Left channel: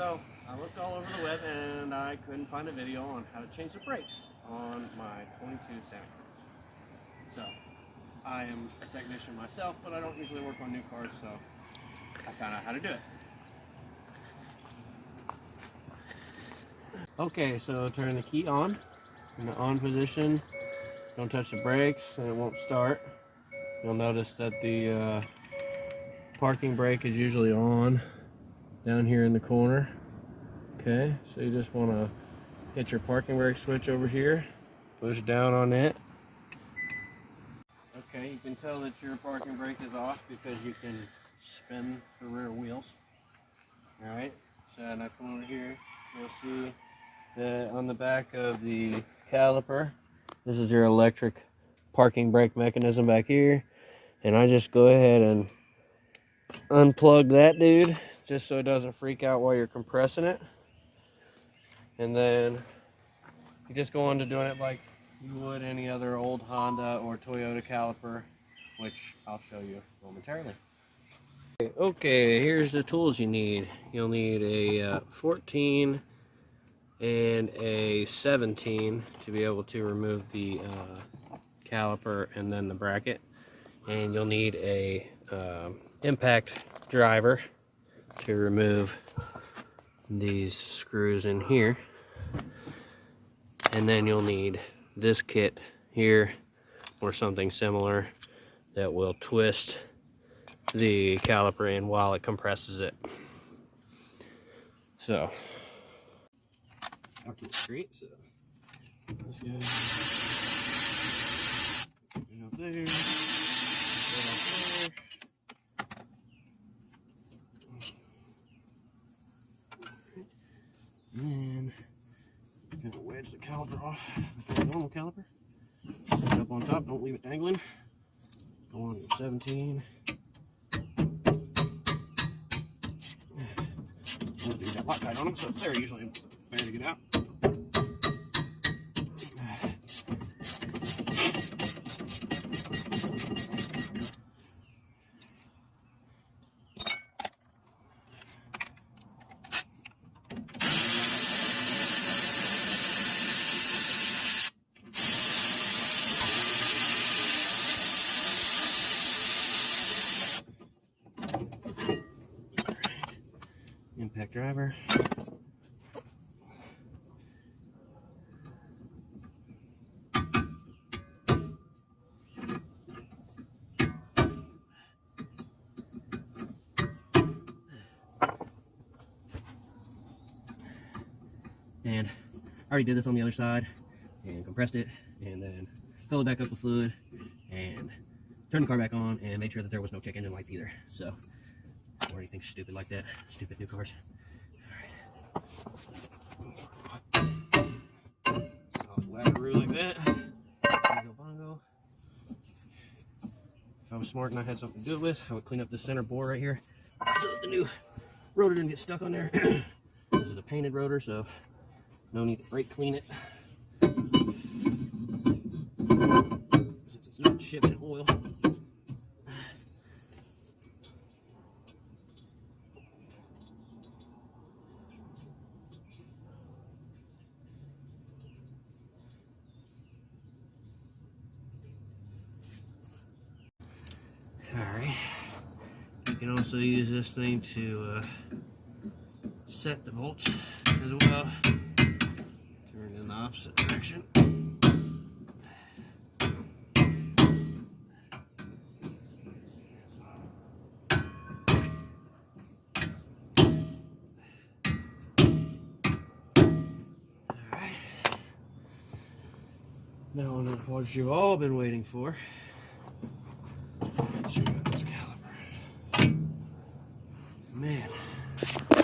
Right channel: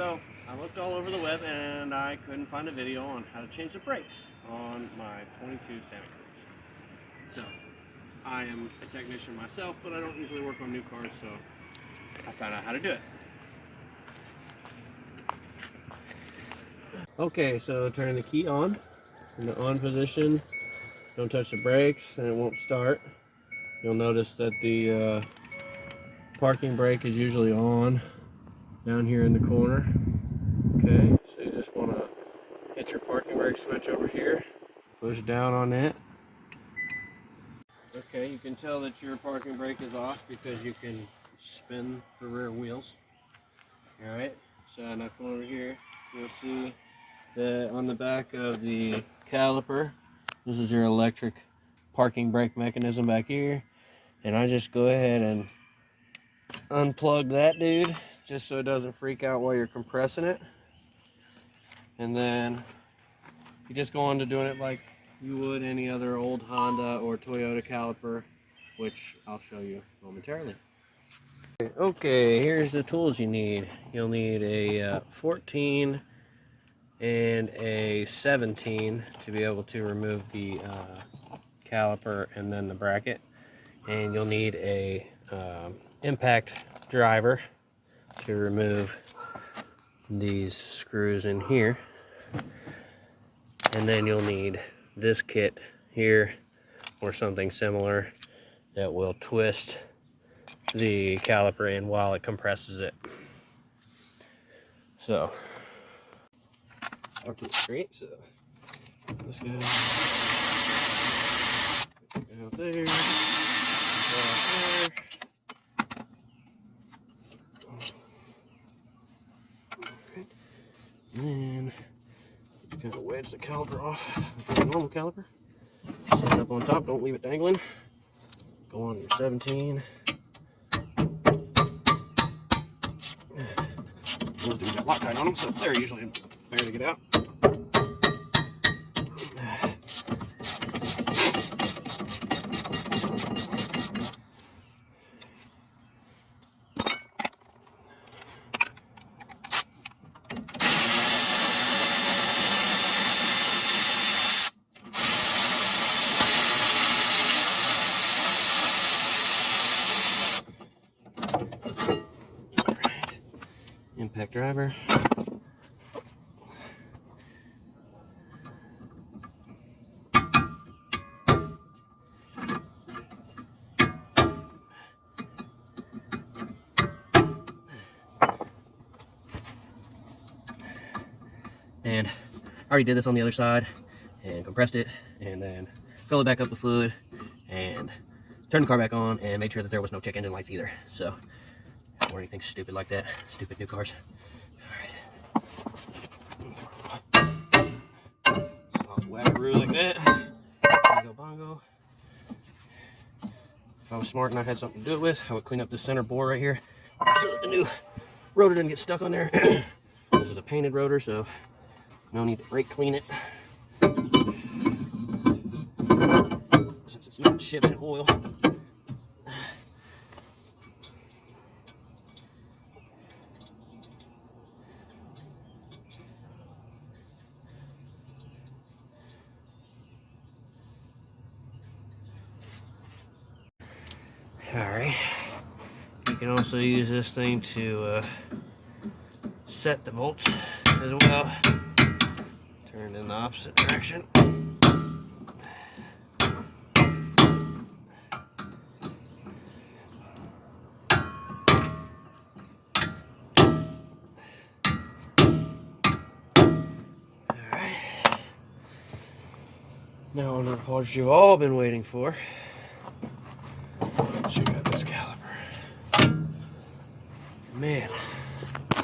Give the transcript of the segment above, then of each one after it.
So I looked all over the web and I couldn't find a video on how to change the brakes on my 22 Santa Cruz. So I am a technician myself, but I don't usually work on new cars, so I found out how to do it. Okay, so turn the key on in the on position. Don't touch the brakes and it won't start. You'll notice that the parking brake is usually on down here in the corner. Okay, so you just want to hit your parking brake switch over here, push down on that. Okay, you can tell that your parking brake is off because you can spin the rear wheels. Alright, so now come over here, you'll see that on the back of the caliper, this is your electric parking brake mechanism back here, and I just go ahead and unplug that dude just so it doesn't freak out while you're compressing it. And then you just go on to doing it like you would any other old Honda or Toyota caliper, which I'll show you momentarily. Okay, here's the tools you need. You'll need a 14 and a 17 to be able to remove the caliper and then the bracket. And you'll need a impact driver to remove these screws in here. And then you'll need this kit here or something similar that will twist the caliper in while it compresses it. So up to the screen, so this guy out there, out there. And then you gotta wedge the caliper off the normal caliper. Set it up on top, don't leave it dangling. Go on your 17. Those dudes got Loctite on them, so they're usually better to get out. Impact driver. And I already did this on the other side and compressed it and then filled it back up with fluid and turned the car back on and made sure that there was no check engine lights either. So or anything stupid like that. Stupid new cars. Alright. Solid wackaroo like that. Bongo bongo. If I was smart and I had something to do it with, I would clean up this center bore right here so that the new rotor didn't get stuck on there. This is a painted rotor, so no need to brake clean it. Since it's not shipped in oil. Alright, you can also use this thing to set the bolts as well. Turn in the opposite direction. Alright, now on the part you've all been waiting for. Check out this caliper. Man. I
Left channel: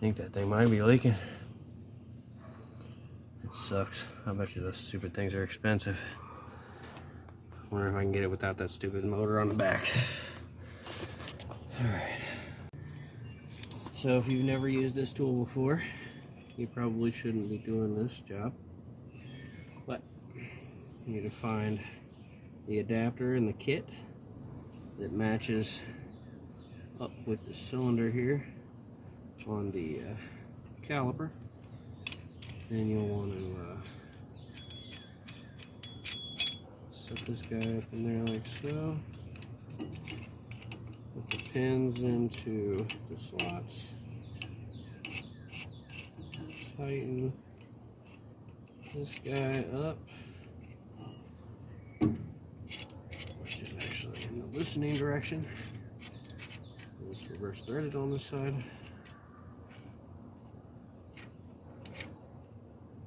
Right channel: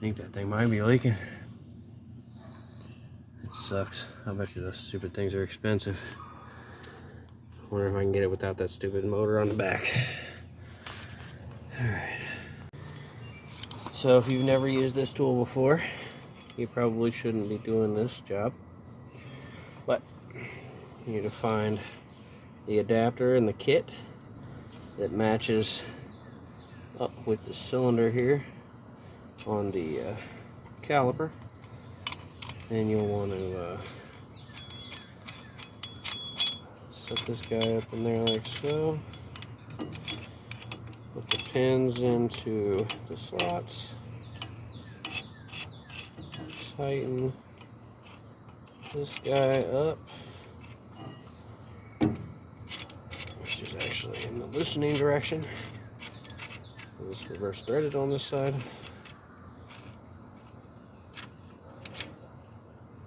think that thing might be leaking. It sucks. I bet you those stupid things are expensive. I wonder if I can get it without that stupid motor on the back. Alright. So if you've never used this tool before, you probably shouldn't be doing this job. But you need to find the adapter in the kit that matches up with the cylinder here on the caliper. And you'll want to set this guy up in there like so. Put the pins into the slots. Tighten this guy up, which is actually in the loosening direction. It's reverse threaded on this side.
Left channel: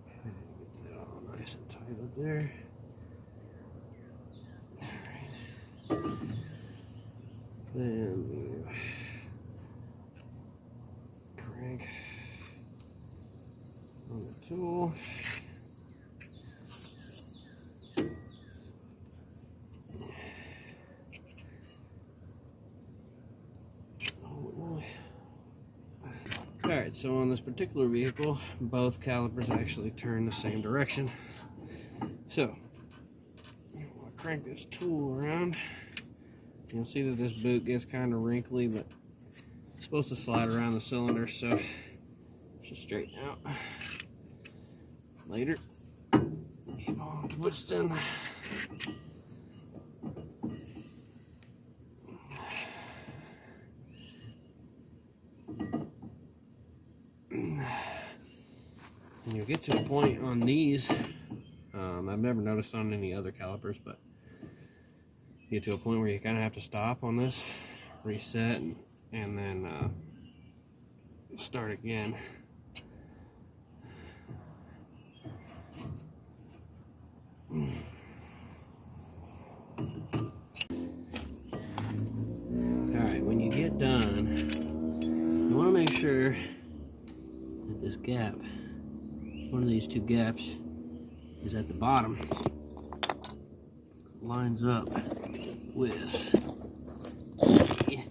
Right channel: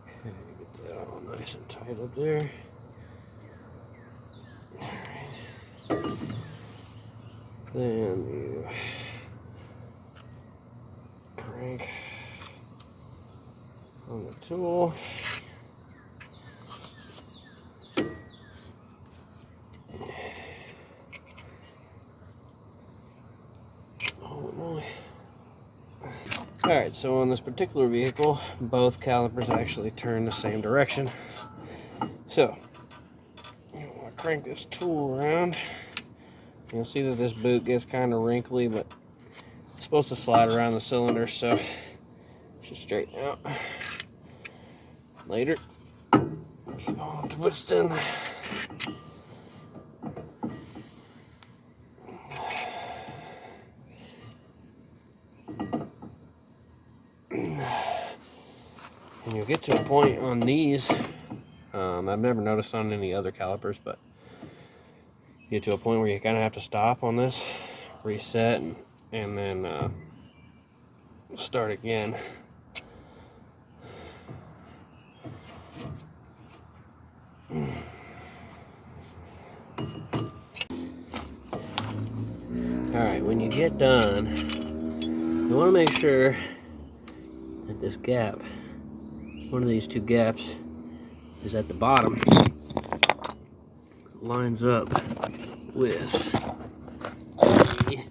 Okay, get that all nice and tight up there. Alright. Then you crank on the tool. Alright, so on this particular vehicle, both calipers actually turn the same direction. So, I'm going to crank this tool around. You'll see that this boot gets kind of wrinkly, but it's supposed to slide around the cylinder, so it should straighten out. Later, keep on twisting. And you'll get to a point on these, I've never noticed on any other calipers, but you get to a point where you kind of have to stop on this, reset, and then start again. Alright, when you get done, you want to make sure that this gap, one of these two gaps, is at the bottom, lines up with the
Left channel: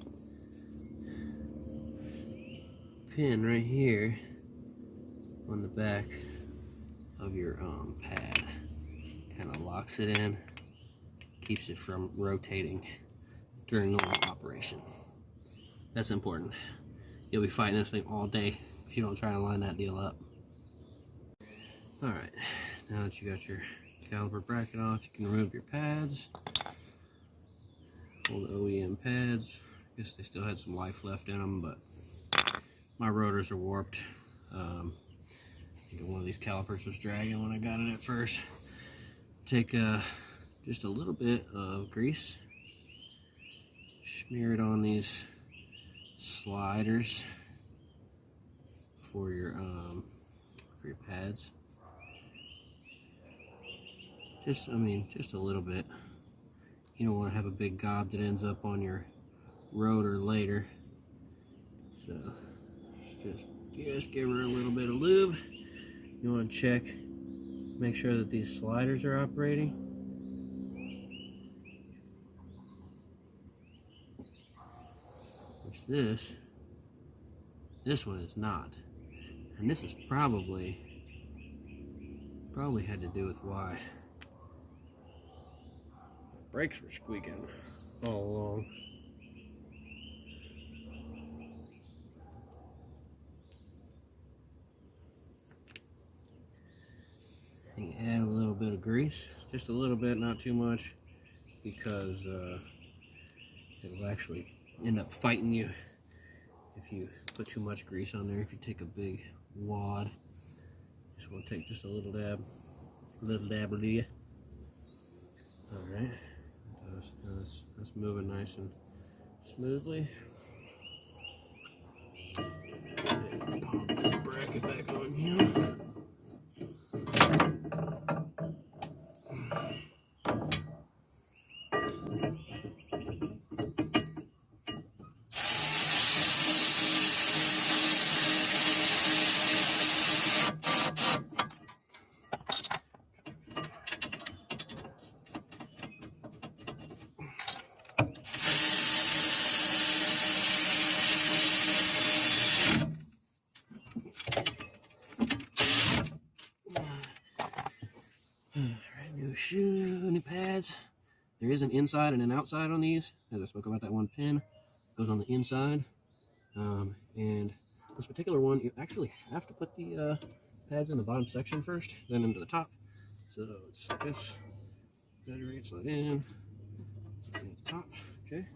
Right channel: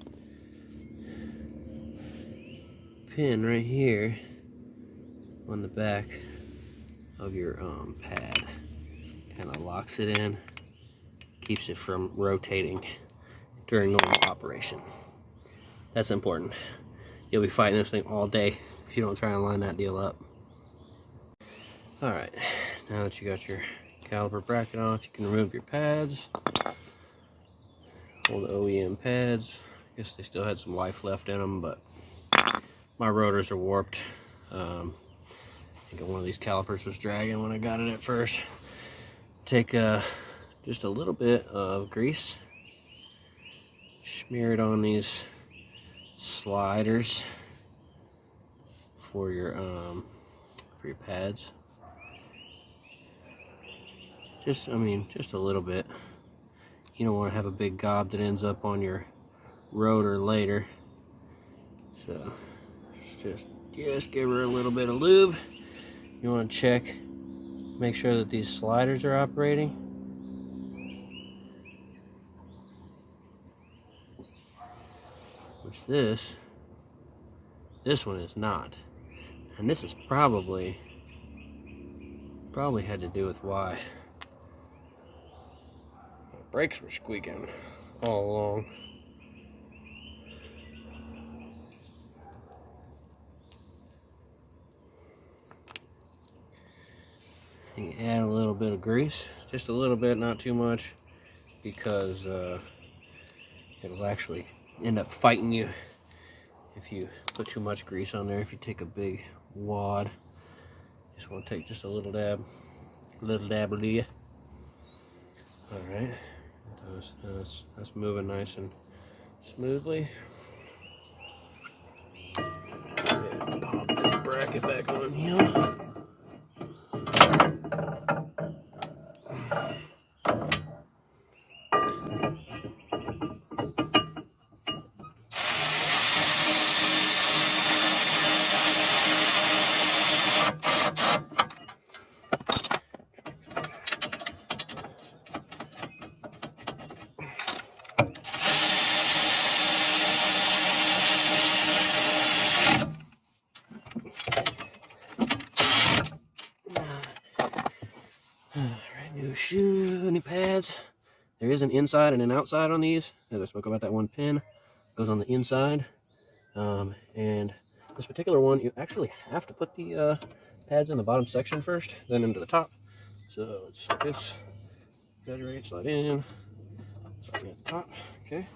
pin right here on the back of your pad. Kind of locks it in, keeps it from rotating during normal operation. That's important. You'll be fighting this thing all day if you don't try and line that deal up. Alright, now that you got your caliper bracket off, you can remove your pads. All the OEM pads. I guess they still had some life left in them, but my rotors are warped. I think one of these calipers was dragging when I got it at first. Take just a little bit of grease, smear it on these sliders for your pads. Just a little bit. You don't want to have a big gob that ends up on your rotor later. So just give her a little bit of lube. You want to check, make sure that these sliders are operating. Which this one is not. And this is probably had to do with why my brakes were squeaking all along. You add a little bit of grease, just a little bit, not too much, because it'll actually end up fighting you if you put too much grease on there. If you take a big wad, just want to take just a little dab of you. All right, that's moving nice and smoothly. Pop this bracket back on here. Shoe, any pads. There is an inside and an outside on these. As I spoke about that one pin, goes on the inside. And this particular one, you actually have to put the pads in the bottom section first, then into the top. So it's like this. Exaggerate, slide in, slide in at the top. Okay.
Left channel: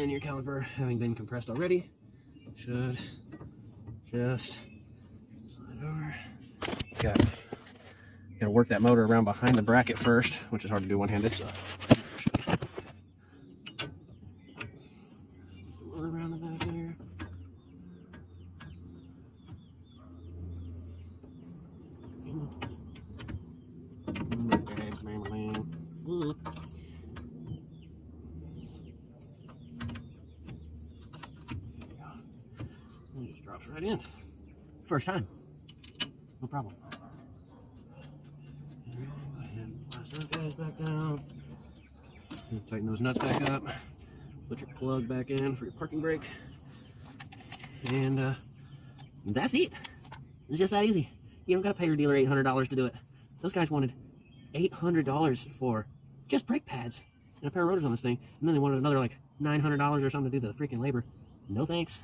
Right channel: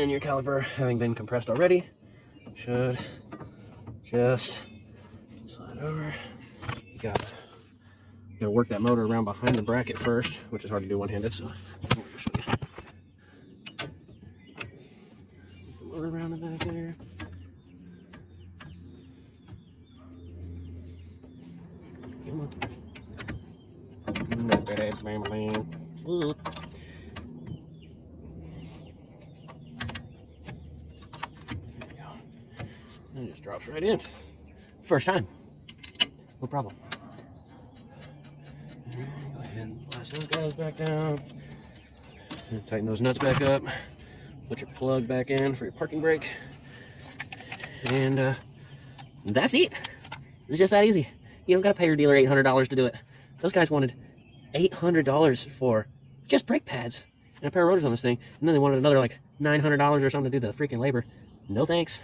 And your caliper, having been compressed already, should just slide over. You gotta work that motor around behind the bracket first, which is hard to do one-handed. So around the back there. Ooh. There you go. And it just drops right in. First time. No problem. All right, go ahead and blast those guys back down. And tighten those nuts back up. Put your plug back in for your parking brake. And that's it. It's just that easy. You don't got to pay your dealer $800 to do it. Those guys wanted $800 for just brake pads and a pair of rotors on this thing. And then they wanted another like $900 or something to do the freaking labor. No thanks.